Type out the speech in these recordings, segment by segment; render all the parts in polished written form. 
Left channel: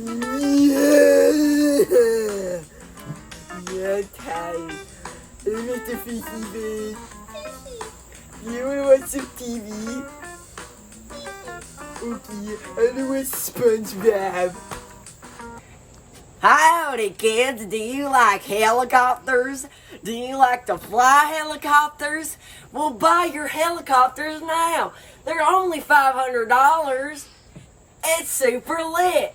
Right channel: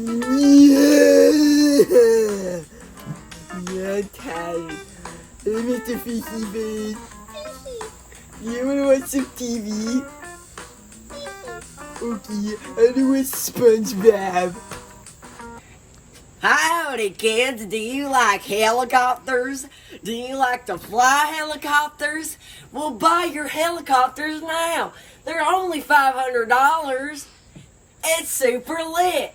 Yeah. Yeah, I'm tired. Hey, Mr. Fishy Face. You wanna watch some TV? Okay, I wanna watch SpongeBob. Howdy, kids. Do you like helicopters? Do you like to fly helicopters? Well, buy your helicopters now. They're only $500. It's super lit.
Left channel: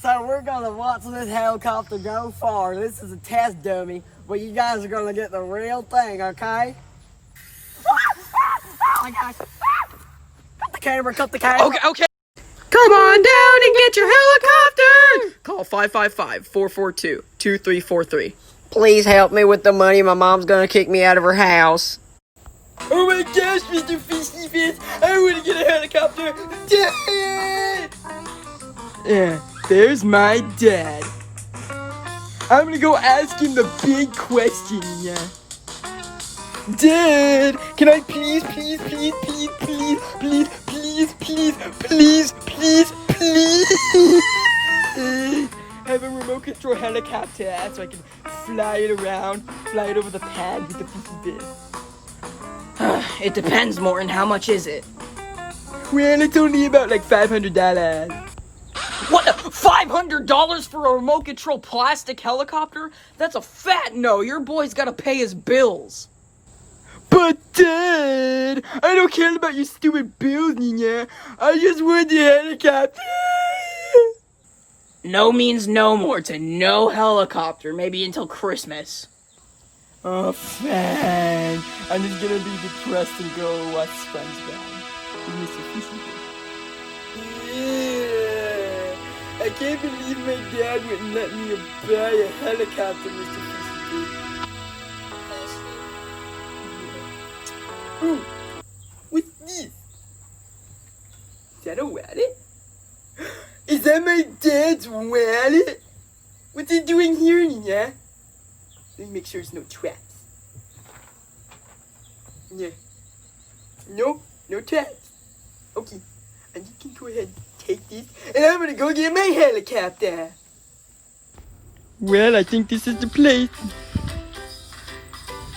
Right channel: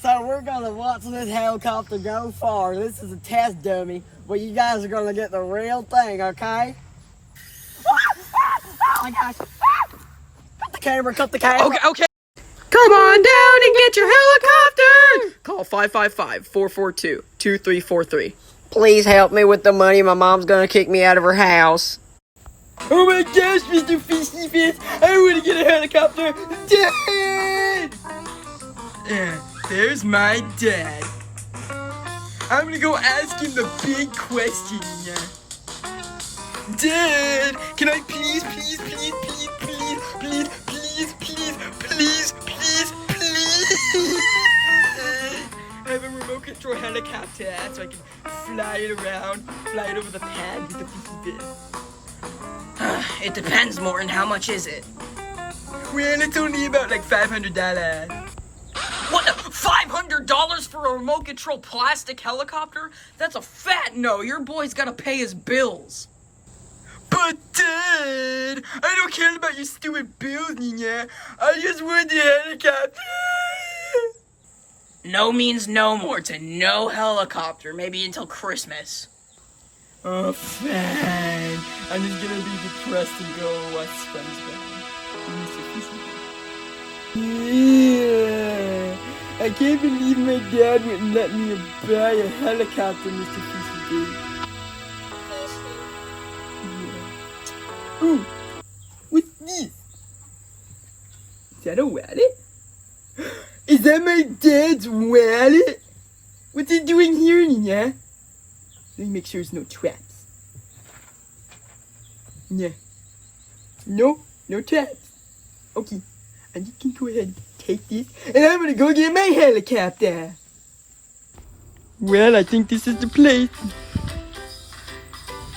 So we're gonna watch this helicopter go far. This is a test dummy, but you guys are gonna get the real thing, okay? Oh my gosh. Cut the camera, cut the camera. Okay. Come on down and get your helicopter! Call 555-442-2343. Please help me with the money. My mom's gonna kick me out of her house. Oh my gosh, Mr. Fishy Face, I wanna get a helicopter. Dad! Yeah, there's my dad. I'm gonna go ask him the big question, yeah. Dad, can I please have a remote control helicopter so I can fly it around, fly it over the pad with the Fishy Face. It depends, Morton. How much is it? Well, it's only about like $500. What? $500 for a remote control plastic helicopter? That's a fat no. Your boy's gotta pay his bills. But Dad, I don't care about your stupid bills, Nina. I just want the helicopter. No means no, Morton. No helicopter. Maybe until Christmas. Oh, fine. I'm just gonna be depressed and go watch SpongeBob. Yeah. I can't believe my dad wouldn't let me buy a helicopter, Mr. Fishy. Ooh, what's this? Is that a wallet? Is that my dad's wallet? What's he doing here, Nina? Let me make sure there's no traps. Yeah. No traps. Okay. I'm just gonna go ahead and take this, and I'm gonna go get my helicopter. Well, I think this is the place.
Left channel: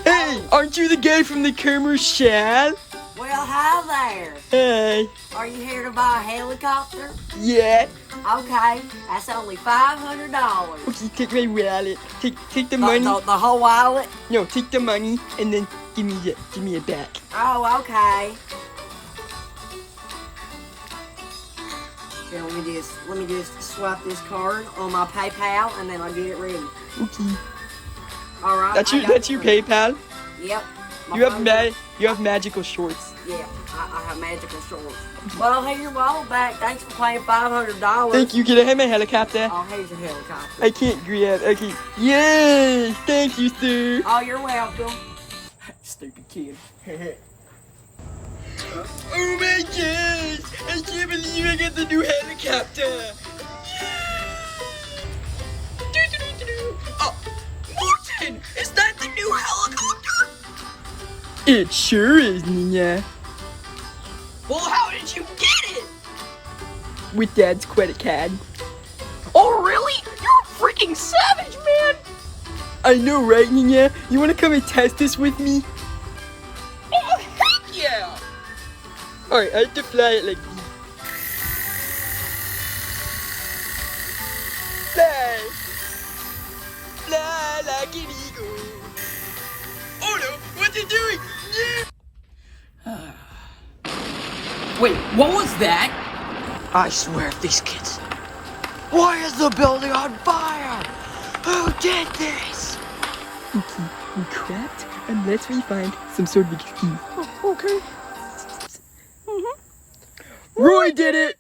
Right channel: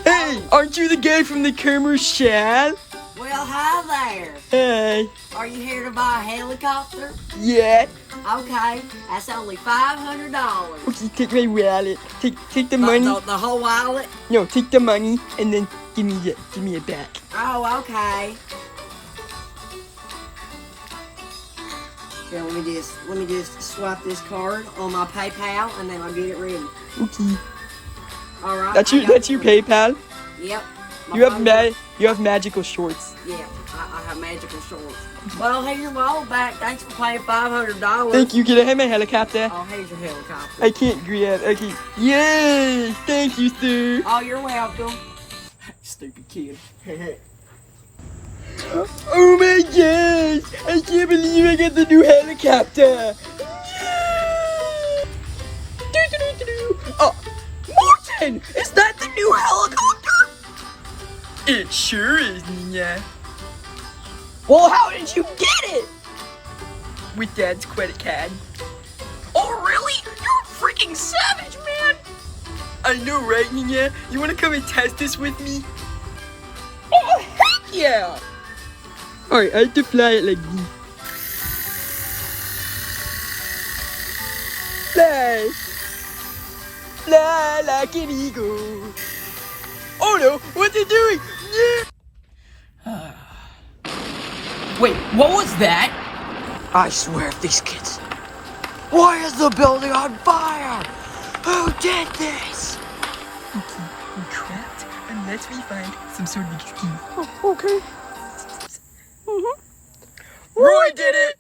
Hey, aren't you the guy from the commercial? Well, hi there. Hey. Are you here to buy a helicopter? Yeah. Okay, that's only $500. Okay, take my wallet. Take the money. The whole wallet? No, take the money and then give me it back. Oh, okay. Yeah, let me just swipe this card on my PayPal and then I'll get it ready. Okay. All right. That's your PayPal. Yep. You have magical shorts. Yeah, I have magical shorts. Well, here's your wallet back. Thanks for paying $500. Thank you. Can I have my helicopter? Oh, here's a helicopter. I can't grab. Okay. Yay! Thank you, sir. Oh, you're welcome. Stupid kid. Oh my gosh! I can't believe I got the new helicopter. Oh, Morton! Is that the new helicopter? It sure is, Nina. Well, how did you get it? With Dad's credit card. Oh, really? You're a freaking savage, man! I know, right, Nina? You wanna come and test this with me? Oh, heck yeah! Alright, I have to fly it like this. Fly! Fly like an eagle. Oh no, what's it doing? Wait, what was that? I swear, these kids. Why is the building on fire? Who did this? Okay, we're trapped, unless we find some sort of excuse. Oh, okay. Roy did it!